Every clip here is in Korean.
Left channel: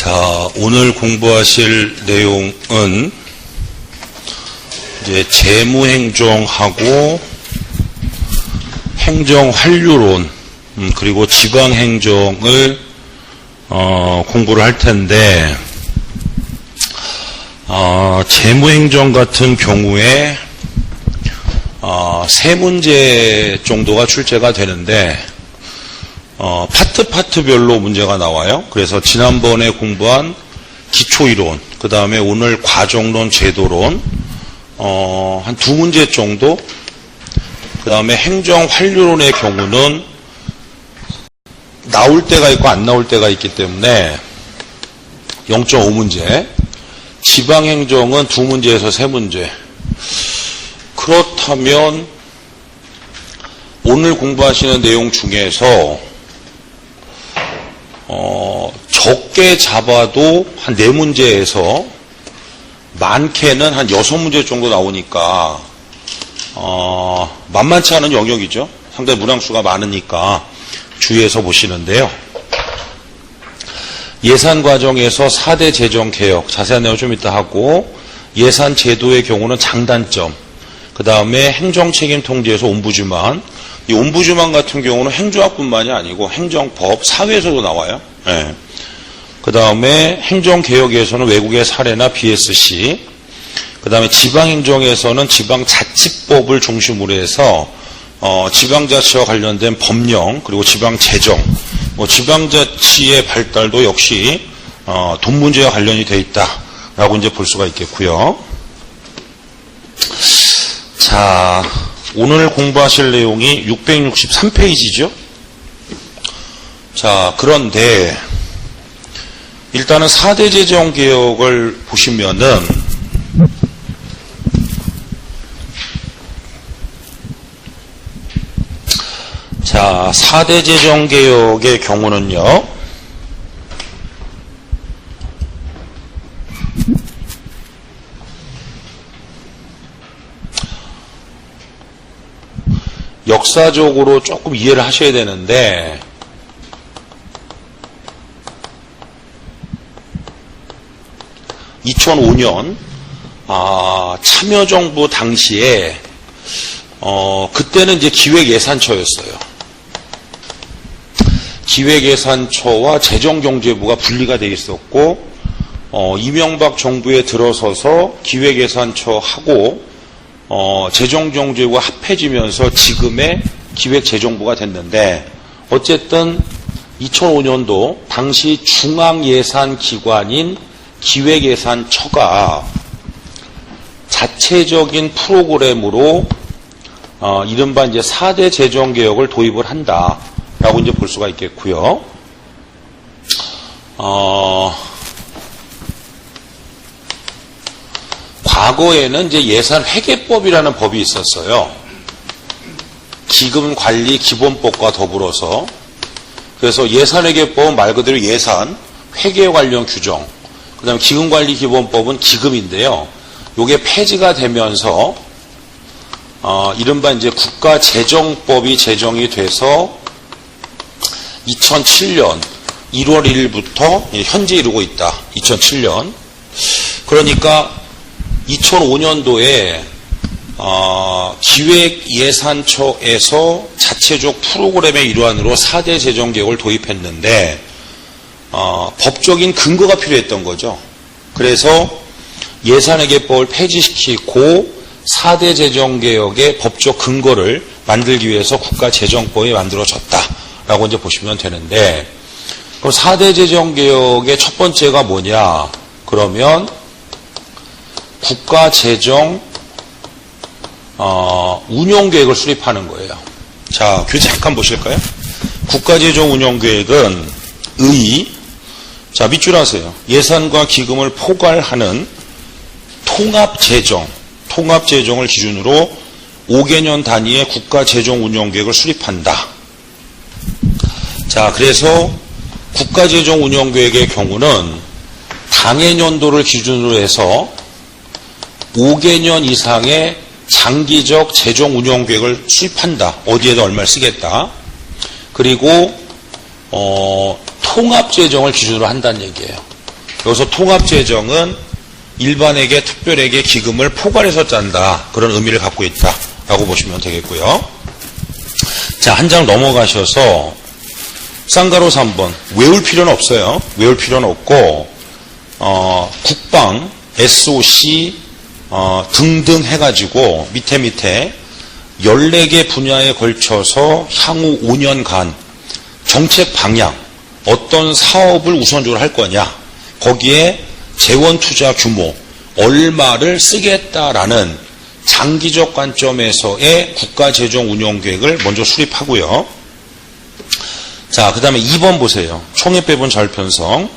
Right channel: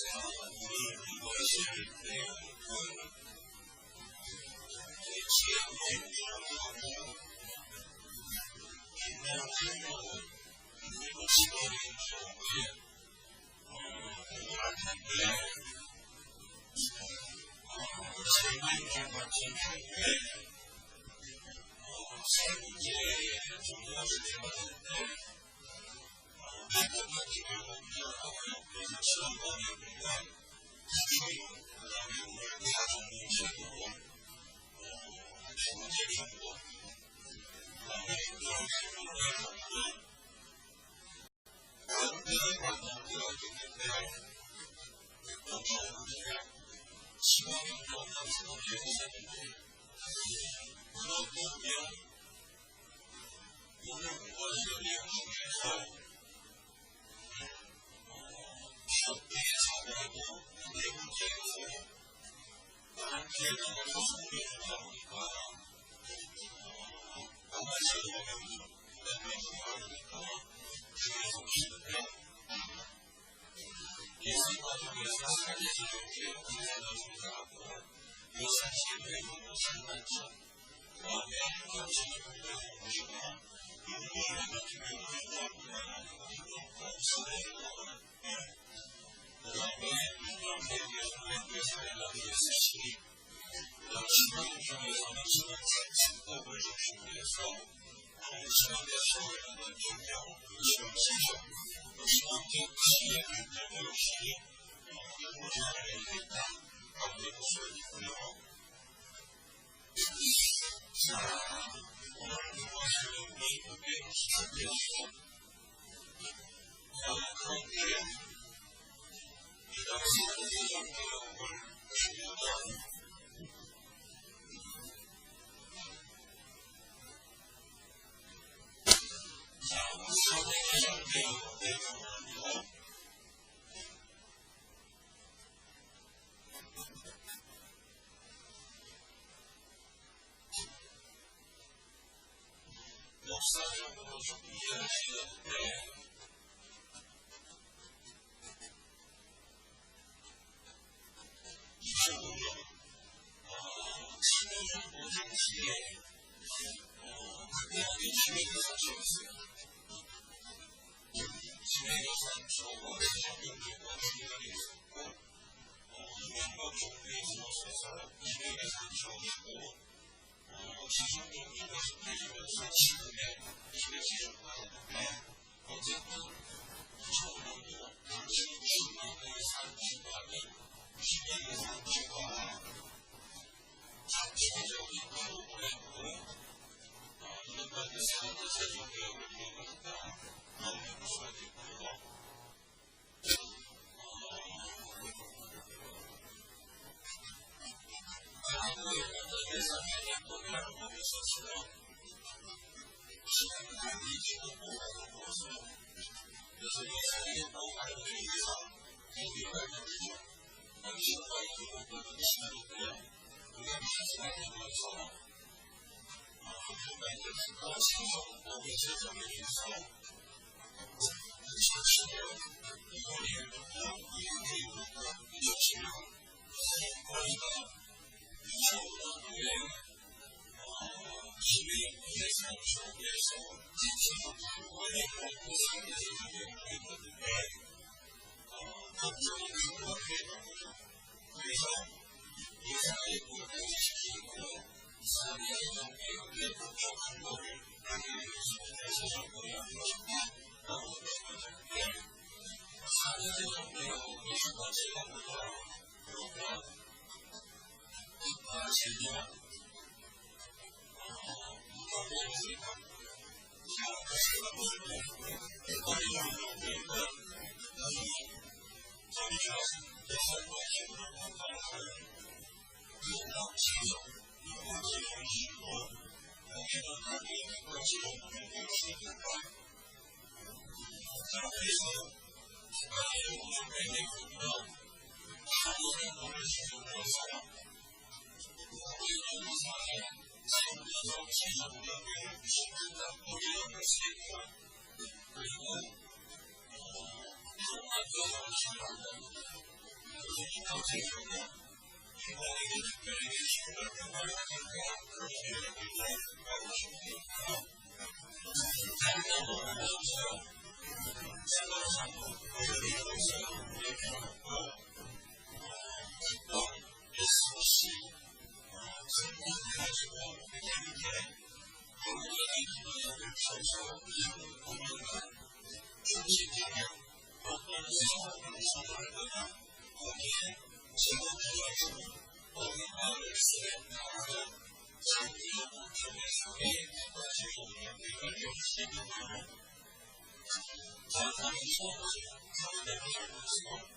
자, 오늘 공부하실 내용은 이제 재무행정하고 행정환류론 그리고 지방행정을 공부를 할 텐데 재무행정 같은 경우에 세 문제 정도가 출제가 되는데 파트별로 문제가 나와요. 그래서 지난번에 공부한 기초이론, 그 다음에 오늘 과정론, 제도론, 한 두 문제 정도, 그 다음에 행정환류론의 경우는 나올 때가 있고 안 나올 때가 있기 때문에 0.5문제, 지방행정은 두 문제에서 세 문제. 그렇다면 오늘 공부하시는 내용 중에서 적게 잡아도 한 4문제에서 많게는 한 6문제 정도 나오니까 만만치 않은 영역이죠. 상당히 문항수가 많으니까 주의해서 보시는데요. 예산 과정에서 4대 재정개혁, 자세한 내용 좀 이따 하고, 예산 제도의 경우는 장단점, 그 다음에 행정책임 통제에서 옴부즈만, 이 옴부즈만 같은 경우는 행정학뿐만이 아니고 행정법, 사회에서도 나와요. 네. 그 다음에 행정개혁에서는 외국의 사례나 BSC, 그 다음에 지방행정에서는 지방자치법을 중심으로 해서 지방자치와 관련된 법령, 그리고 지방재정, 지방자치의 발달도 역시 돈 문제와 관련이 돼 있다라고 이제 볼 수가 있겠고요. 자, 오늘 공부하실 내용이 663페이지죠. 자, 그런데 일단은 4대 재정개혁을 보시면은 자, 4대 재정개혁의 경우는요, 역사적으로 조금 이해를 하셔야 되는데, (2005년) 참여정부 당시에 그때는 이제 기획예산처였어요. 기획예산처와 재정경제부가 분리가 돼 있었고, 이명박 정부에 들어서서 기획예산처하고 재정경제부가 합해지면서 지금의 기획재정부가 됐는데, 어쨌든 2005년도 당시 중앙예산기관인 기획예산처가 자체적인 프로그램으로 이른바 이제 4대 재정개혁을 도입을 한다라고 이제 볼 수가 있겠고요. 과거에는 이제 예산회계법이라는 법이 있었어요. 기금관리기본법과 더불어서. 그래서 예산회계법은 말 그대로 예산, 회계 관련 규정, 그 다음에 기금관리기본법은 기금인데요. 요게 폐지가 되면서 이른바 이제 국가재정법이 제정이 돼서 2007년 1월 1일부터 현재 이루고 있다. 2007년. 그러니까 2005년도에 기획예산처에서 자체적 프로그램의 일환으로 4대 재정개혁을 도입했는데 법적인 근거가 필요했던 거죠. 그래서 예산회계법을 폐지시키고 4대 재정개혁의 법적 근거를 만들기 위해서 국가재정법이 만들어졌다라고 이제 보시면 되는데, 그럼 4대 재정개혁의 첫 번째가 뭐냐? 그러면 국가재정 운용계획을 수립하는 거예요. 자, 교재 잠깐 보실까요? 국가재정 운용계획은 자, 밑줄 하세요. 예산과 기금을 포괄하는 통합재정을 기준으로 5개년 단위의 국가재정 운용계획을 수립한다. 자, 그래서 국가재정 운용계획의 경우는 당해년도를 기준으로 해서 5개년 이상의 장기적 재정 운영 계획을 수립한다. 어디에다 얼마를 쓰겠다. 그리고 통합 재정을 기준으로 한다는 얘기예요. 여기서 통합재정은 일반에게 특별에게 기금을 포괄해서 짠다. 그런 의미를 갖고 있다라고 보시면 되겠고요. 자, 한 장 넘어가셔서 쌍가로 3번 외울 필요는 없어요. 외울 필요는 없고 국방, SOC 등등 해가지고 밑에 14개 분야에 걸쳐서 향후 5년간 정책 방향, 어떤 사업을 우선적으로 할 거냐, 거기에 재원 투자 규모, 얼마를 쓰겠다라는 장기적 관점에서의 국가재정 운영 계획을 먼저 수립하고요. 자, 그 다음에 2번 보세요. 총액배분 자율편성.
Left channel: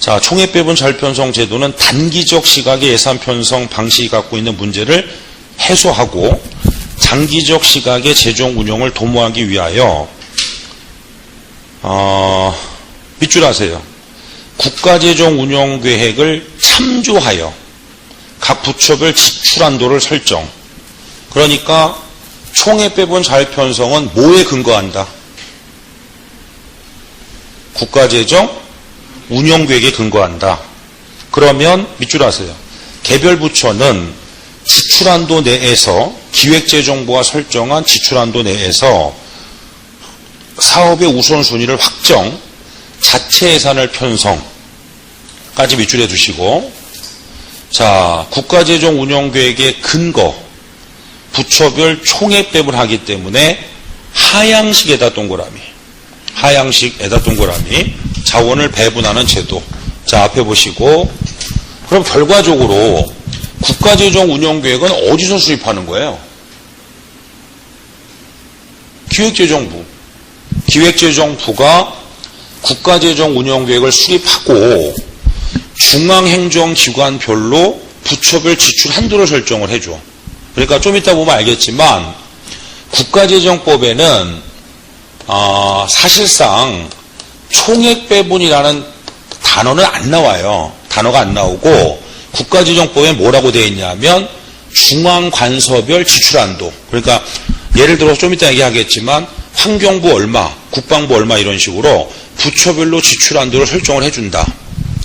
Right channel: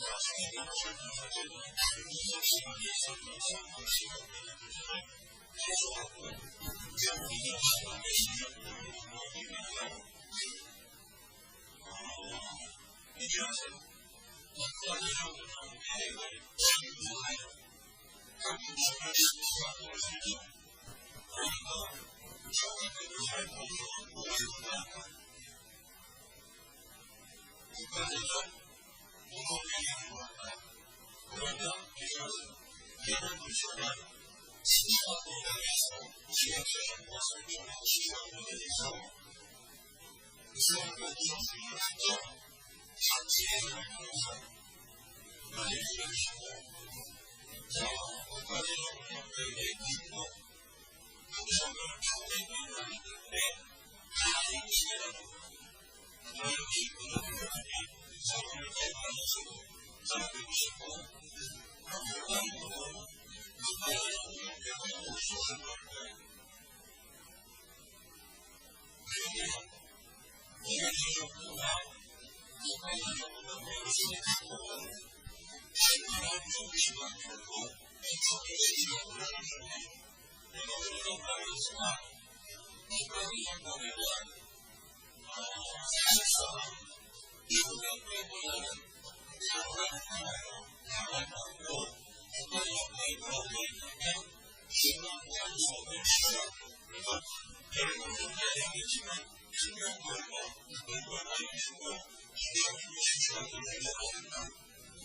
자, 총액배분 자율편성 제도는 단기적 시각의 예산 편성 방식이 갖고 있는 문제를 해소하고 장기적 시각의 재정 운영을 도모하기 위하여 밑줄 하세요. 국가재정 운영 계획을 참조하여 각 부처별 지출 한도를 설정. 그러니까 총액배분 자율편성은 뭐에 근거한다? 국가재정 운영 계획에 근거한다. 그러면 밑줄 하세요. 개별 부처는 지출 한도 내에서 기획재정부가 설정한 지출 한도 내에서 사업의 우선순위를 확정, 자체 예산을 편성까지 밑줄해 두시고, 자, 국가재정 운영 계획의 근거, 부처별 총액배분을 하기 때문에 하향식에다 동그라미, 하향식에다 동그라미, 자원을 배분하는 제도. 자, 앞에 보시고, 그럼 결과적으로 국가재정 운영 계획은 어디서 수립하는 거예요? 기획재정부. 기획재정부가 국가재정 운영 계획을 수립하고 중앙행정기관별로 부처별 지출 한도를 설정을 해줘. 그러니까 좀 이따 보면 알겠지만 국가재정법에는 사실상 총액배분이라는 단어는 안 나와요. 단어가 안 나오고 국가재정법에 뭐라고 되어 있냐면 중앙관서별 지출한도. 그러니까 예를 들어서 좀 이따 얘기하겠지만 환경부 얼마, 국방부 얼마 이런 식으로 부처별로 지출한도를 설정을 해준다.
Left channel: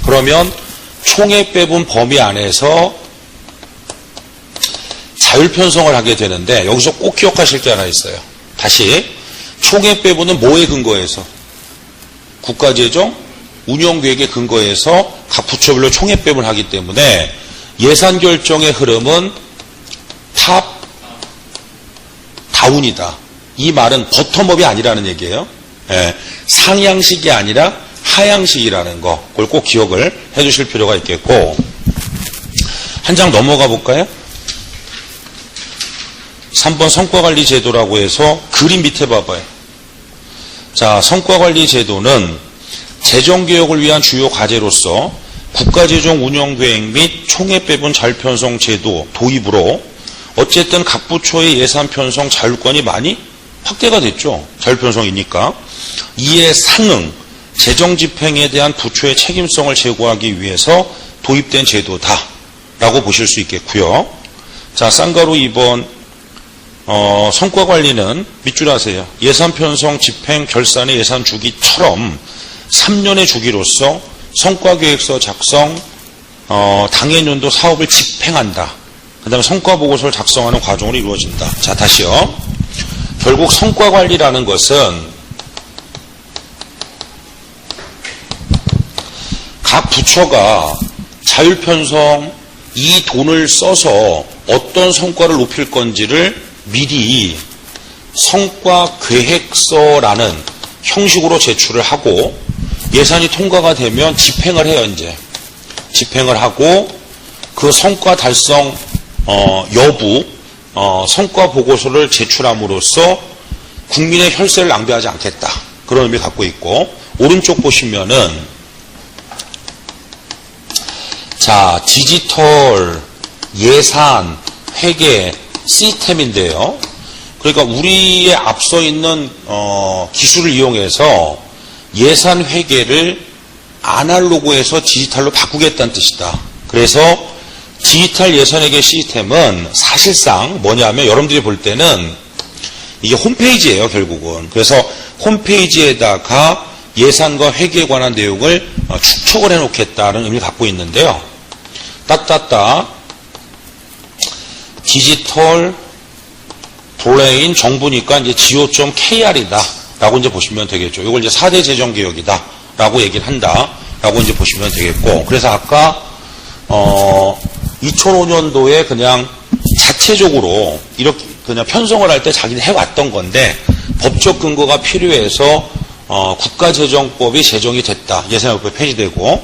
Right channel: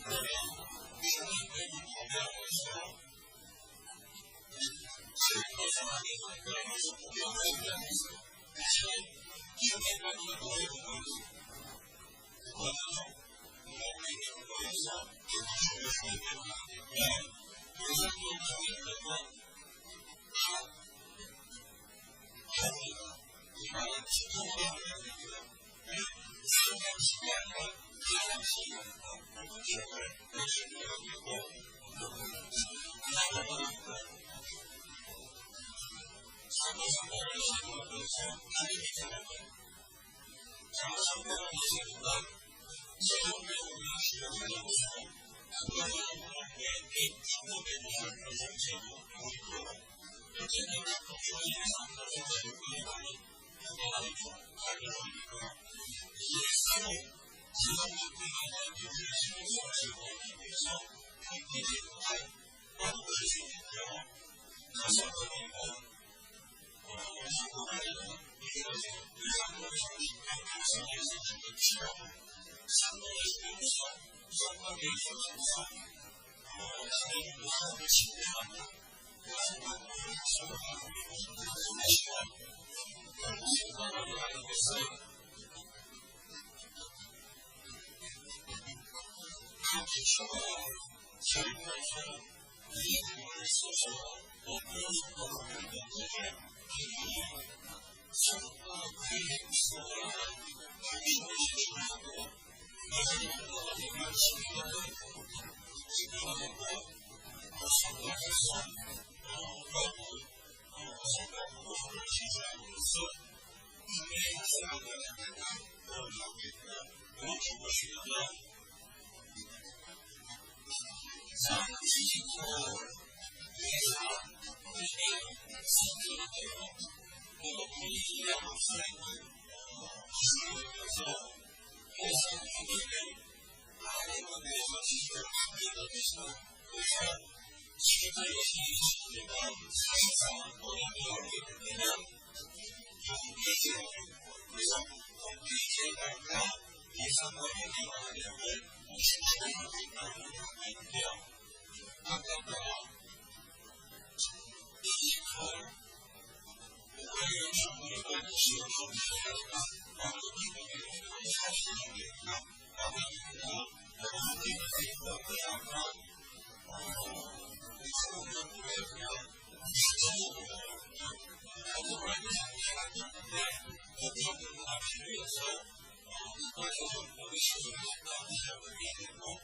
그러면 총액배분 범위 안에서 자율편성을 하게 되는데 여기서 꼭 기억하실 게 하나 있어요. 다시 총액배분은 뭐에 근거해서? 국가재정 운영계획에 근거해서 각 부처별로 총액배분을 하기 때문에 예산결정의 흐름은 탑 다운이다. 이 말은 버텀업이 아니라는 얘기예요. 예, 상향식이 아니라 하향식이라는 거, 그걸 꼭 기억을 해주실 필요가 있겠고, 한 장 넘어가 볼까요? 3번 성과관리 제도라고 해서 그림 밑에 봐봐요. 자, 성과관리 제도는 재정개혁을 위한 주요 과제로서 국가재정 운영계획 및 총액배분 자율편성 제도 도입으로 어쨌든 각 부처의 예산 편성 자율권이 많이 확대가 됐죠. 자율편성이니까. 이에 상응, 재정집행에 대한 부처의 책임성을 제고하기 위해서 도입된 제도다라고 보실 수 있겠고요. 자, 쌍가루 2번 성과관리는 밑줄 하세요. 예산 편성, 집행, 결산의 예산 주기처럼 3년의 주기로서 성과계획서 작성, 당해년도 사업을 집행한다. 그 다음에 성과보고서를 작성하는 과정으로 이루어진다. 자, 다시요. 결국 성과관리라는 것은 각 부처가 자율편성 이 돈을 써서 어떤 성과를 높일 건지를 미리 성과계획서라는 형식으로 제출을 하고 예산이 통과가 되면 집행을 해요. 이제 집행을 하고 그 성과 달성 여부 성과 보고서를 제출함으로써 국민의 혈세를 낭비하지 않겠다. 그런 의미를 갖고 있고, 오른쪽 보시면은 자, 디지털 예산 회계 시스템인데요. 그러니까 우리의 앞서 있는 기술을 이용해서 예산 회계를 아날로그에서 디지털로 바꾸겠다는 뜻이다. 그래서 디지털 예산회계 시스템은 사실상 뭐냐면 여러분들이 볼 때는 이게 홈페이지예요, 결국은. 그래서 홈페이지에다가 예산과 회계에 관한 내용을 축적을 해놓겠다는 의미를 갖고 있는데요. 디지털 브레인 정부니까 이제 go.kr이다 라고 이제 보시면 되겠죠. 이걸 이제 4대 재정개혁이다 라고 얘기를 한다 라고 이제 보시면 되겠고, 그래서 아까 2005년도에 그냥 자체적으로 이렇게 그냥 편성을 할 때 자기는 해왔던 건데 법적 근거가 필요해서 국가재정법이 제정이 됐다. 예산협법이 폐지되고